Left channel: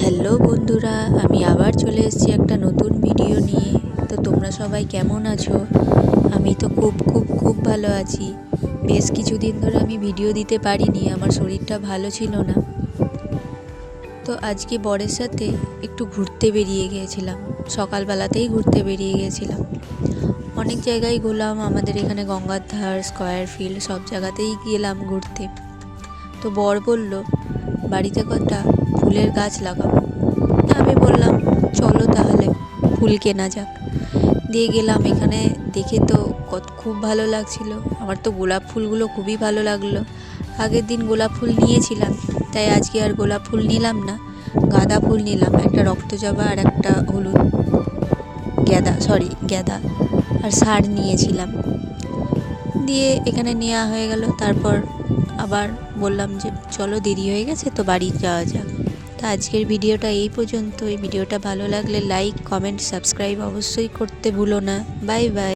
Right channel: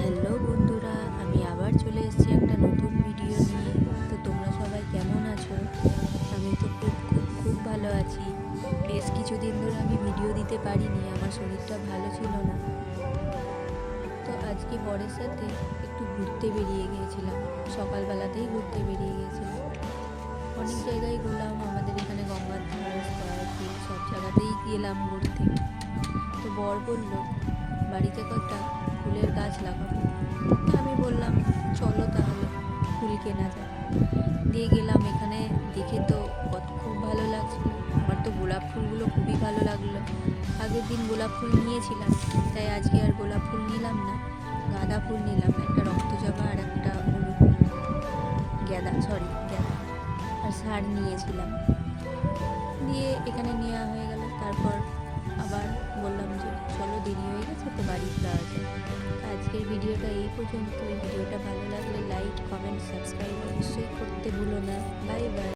Hello বন্ধুরা, আমি আবার চলে এসেছি একটা নতুন ভিডিও নিয়ে। তো তোমরা সবাই কেমন আছো? আমি তো খুব খুব খুব ভালো আছি। বেশ কিছুদিন ধরে আমি ভিডিও দিতে পারিনি, আমার শরীরটা ভালো ছিল না। তো আজকে বরের সাথে একটু ঘুরতে বেরিয়ে গিয়েছিলাম, সকালবেলাতেই ঘুরতে বেরিয়ে গিয়েছিলাম। অনেক জায়গায় ঘুরলাম, আমাদের এখানে গঙ্গার ধার, স্কয়ার ফিল্ড সব জায়গাতেই গেলাম ঘুরতে। তো বর বলল বাড়িতে কটা ফুলের গাছ লাগাবো। আমি বললাম চলো তাহলে ফুল কেনা যাক। দিয়ে গেলাম, এখানে দেখে তো খুব ভালো লাগছিল। আমার তো গোলাপ ফুলগুলো খুবই ভালো লাগলো। আগের দিন গোলাপ ফুল নিয়েছিলাম, তাই আজকে আর গোলাপ ফুল নিলাম না, গাঁদা ফুল নিলাম। একটা রক্তজবা আর একটা হলুদ গ্যাদা আর ষাঁড় নিয়েছিলাম। দিয়ে এখানে নেওয়া হয়ে গেল। তারপর আবার বললাম যে চলো দেরি হয়ে গেছে, তো বাড়ি যাওয়া যাক। তো আজকের ভিডিওটা এই পর্যন্ত। এই ভিডিওটা ভালো লাগলে লাইক, কমেন্ট, সাবস্ক্রাইব অবশ্যই করতে ভুলো না। Bye bye.